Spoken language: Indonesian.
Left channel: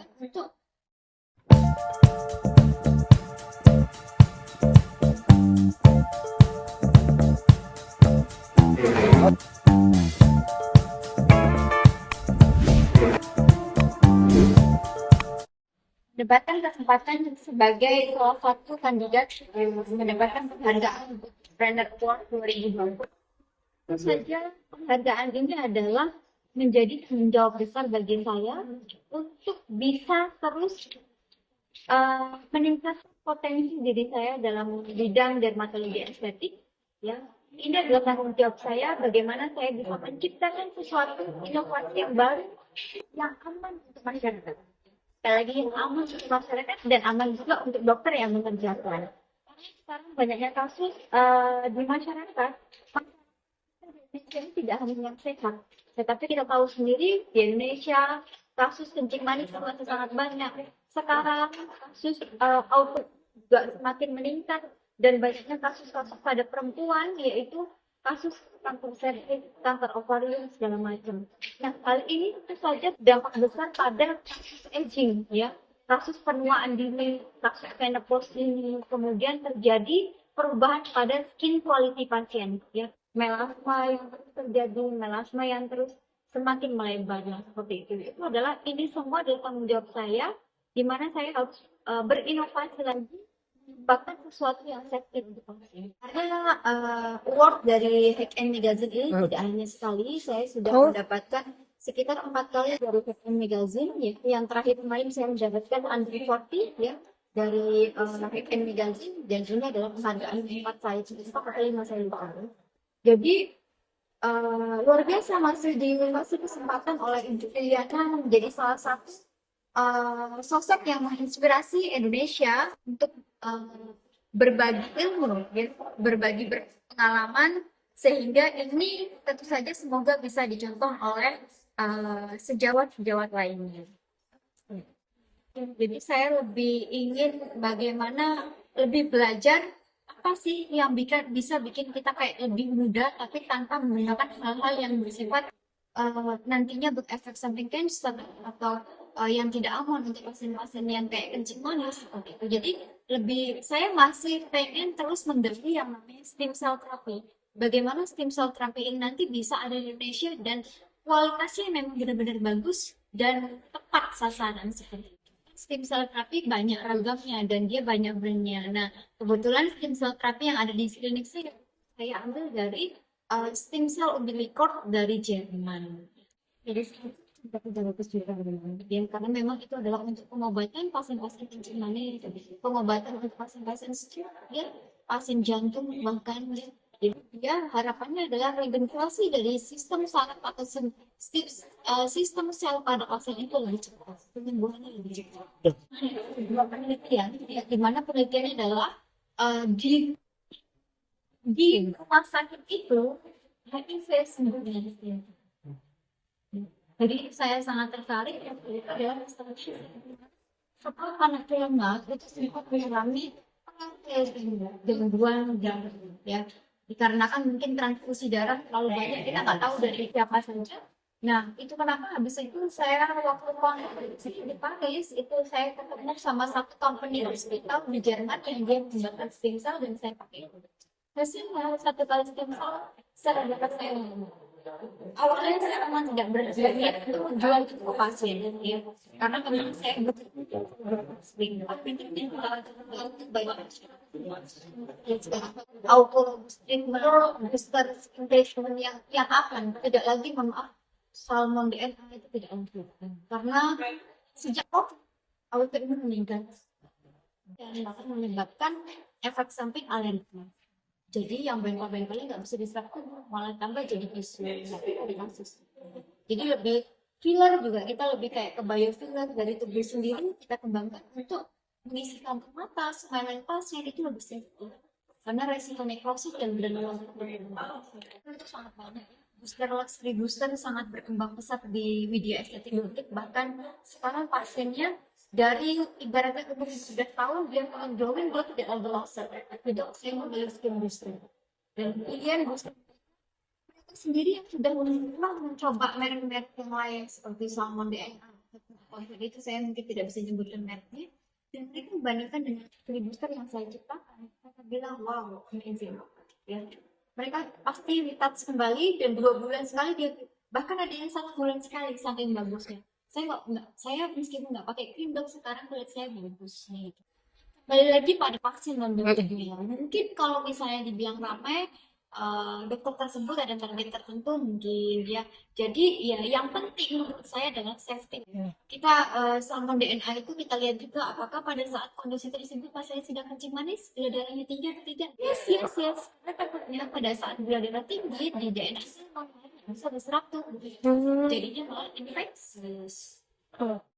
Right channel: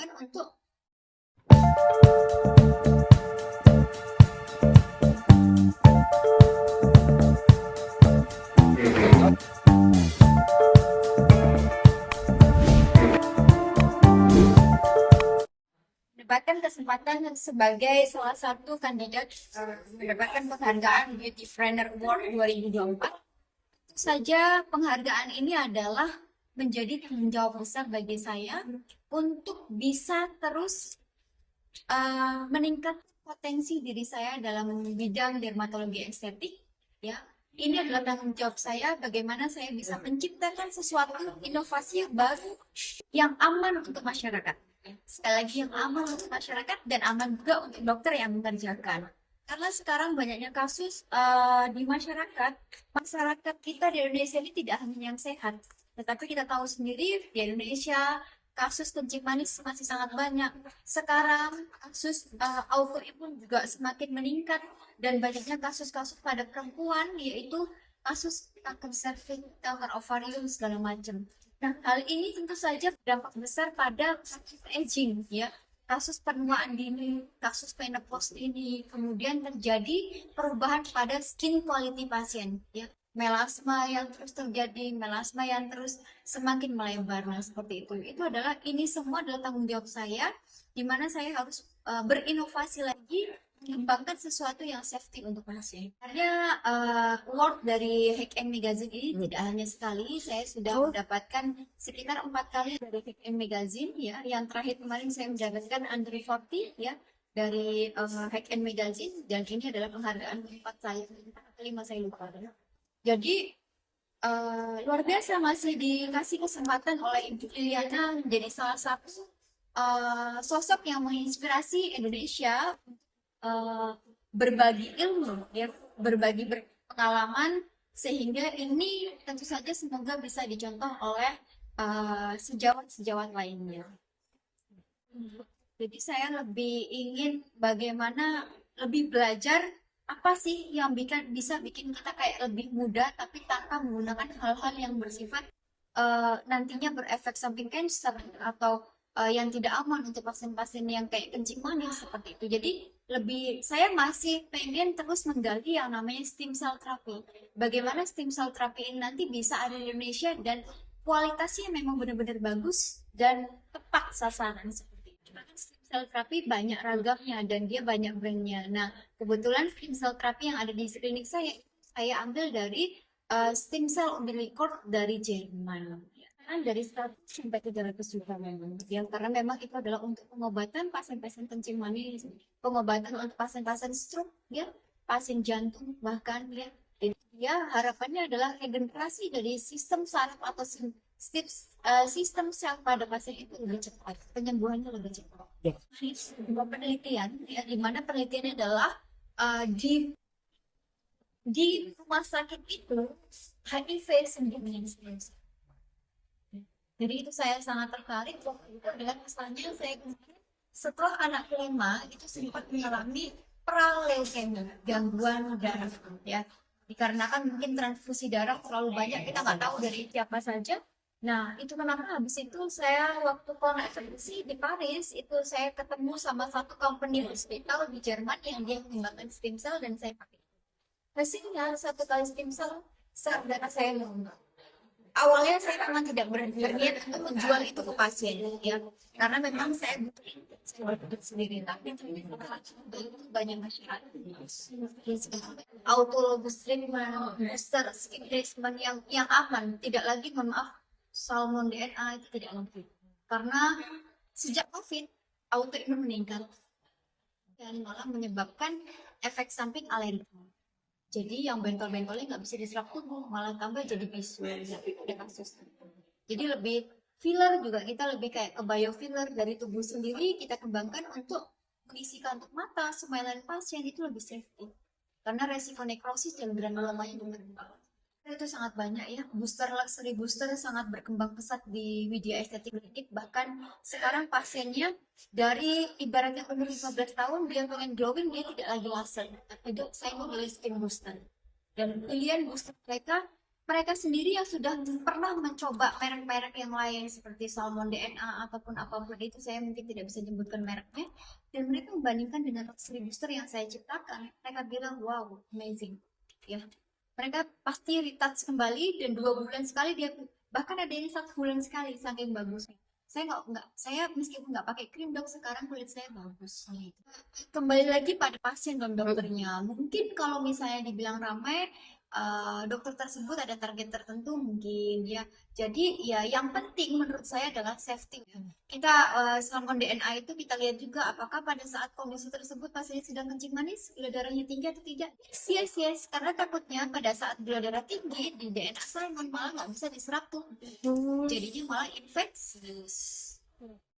kembangkan untuk mendapatkan kesempatan sebagai salah satu kandidat mendapatkan penghargaan Beautypreneur Award 2024. Tentu saja penghargaan ini adalah menjadi tanggung jawab besar bagi saya untuk bisa terus meningkatkan potensi diri saya dalam bidang dermatologi estetik. Ya, ini adalah tanggung jawab saya bagaimana saya bisa menciptakan sesuatu inovasi yang baru yang aman untuk masyarakat. Sekali lagi yang aman untuk masyarakat dan aman juga untuk dokter yang mengerjakan. Karena sekarang banyaknya kasus di masyarakat kita di Indonesia ini tidak hanya yang sehat, tetapi kita tahu sendiri di Indonesia kasus kencing manis masih sangat banyak. Sekarang kasus autoimun juga semakin meningkat dan banyaknya kasus-kasus pada perempuan yaitu kasus kanker serviks, kanker ovarium segala macam. Nah, hal ini tentu saja berdampak besar pada aging ya. Kasus penuaan dini, kasus menopause dini, kemudian terjadi perubahan pada skin quality pasien ya. Melasma yang terus terjadi, melasma yang terus semakin melebar. Nah, seperti itu. Ini semua adalah tanggung jawab saya di mana saya harus berinovasi lagi mengembangkan sesuatu yang safety untuk pasien. Karena award dari Hack and Magazine ini tidak hanya sekali, saya sudah mendapatkan sekitar 4 kali dari Hack and Magazine ya. Yang terakhir kemarin saya mendapatkan Under 40 ya dari Hack and Magazine dan ini adalah penghargaan keempat saya, atau kelima saya lupa. Jadi luar biasa masih dikasih kesempatan oleh Ibu Liliana menjadi salah satu sosok yang menginspirasi Indonesia untuk berbagi ilmu, ya, berbagi pengalaman sehingga ini tentu saja semoga bisa dicontoh oleh sejawat-sejawat lainnya. Jadi saya lebih ingin bagaimana lebih belajar apa sih yang bisa bikin kita kayak lebih mudah tapi tanpa menggunakan hal-hal yang bersifat nantinya berefek samping cancer atau yang tidak aman untuk pasien-pasien yang kayak kencing manis seperti itu. Jadi saya masih pengen terus menggali yang namanya stem cell therapy. Bagaimana stem cell therapy ini nanti bisa ada di Indonesia dan kualitasnya memang benar-benar bagus dan tepat sasaran seperti itu. Stem cell therapy banyak ragamnya dan dia banyak brandnya. Nah, kebetulan stem cell therapy yang ada di klinik saya ambil dari stem cell umbilical dari Jerman. Dari 100 sampai 300 juta memang. Yang karena memang itu adalah untuk pengobatan pasien-pasien kencing manis, pengobatan untuk pasien-pasien stroke, ya, pasien jantung bahkan ya. Jadi ya harapannya adalah regenerasi dari sistem saraf atau sistem sel pada pasien itu lebih cepat, penyembuhannya lebih cepat. Sebuah penelitian, ya, di mana penelitiannya adalah di rumah sakit itu HIV sembuh dengan stem cell. Jadi itu saya sangat tertarik waktu itu adalah misalnya saya setelah anak kelima itu sempat mengalami praleukemia, gangguan darah ya, dikarenakan mungkin transfusi darah terlalu banyak, kita nggak tahu dari siapa saja. Nah itu kenapa habis itu saya waktu konferensi di Paris itu saya ketemu sama satu company hospital di Jerman yang dia mengembangkan stem cell dan saya pakai itu. Hasilnya satu kali stem cell sel darah saya normal. Awalnya saya memang tidak berniat untuk menjual itu ke pasien ya, karena memang saya butuh sendiri, tapi ternyata kalau itu banyak masyarakat autologous treatment, booster skin treatment yang aman, tidak lagi maaf salmon DNA itu tidak lagi karena sejak COVID autoimun meninggal dan malah menyebabkan efek samping alergi. Jadi yang bengkol-bengkolnya nggak bisa diserap tubuh, malah tambah jadi bisu. Ya, ada kasus. Jadi lebih filler juga, kita lebih kayak ke biofiller dari tubuh sendiri kita kembangkan untuk mengisi kantong mata, smile pasien itu lebih safety. Karena resiko nekrosis dan granulomanya itu sangat banyak ya. Luxury booster sangat berkembang pesat di media estetik klinik. Bahkan sekarang pasiennya dari ibaratnya umur 15 tahun dia pengen glowing, dia tidak lagi laser, tapi dok saya mau beli skin booster dan pilihan booster mereka mereka sendiri yang sudah pernah mencoba merek-merek yang lain seperti Salmon DNA ataupun apapun itu, saya mungkin tidak bisa menyebutkan mereknya, dan mereka membandingkan dengan oxygen booster yang saya ciptakan, mereka bilang wow amazing ya, mereka pasti retouch kembali dan 2 bulan sekali dia, bahkan ada yang 1 bulan sekali saking bagusnya. Saya meskipun nggak pakai krim dok, sekarang kulit saya bagus nih. Kembali lagi pada pasien non dokternya, mungkin kalau misalnya dibilang ramai, dokter tersebut ada target tertentu mungkin ya. Jadi ya yang penting menurut saya adalah safety. Kita salmon DNA itu kita lihat juga apakah pada saat kondisi tersebut pasien sedang kencing manis, gula darahnya tinggi atau tidak. Yes yes yes, karena takutnya pada saat gula darah tinggi di DNA salmon malah nggak bisa diserap tuh, jadinya malah infeksius.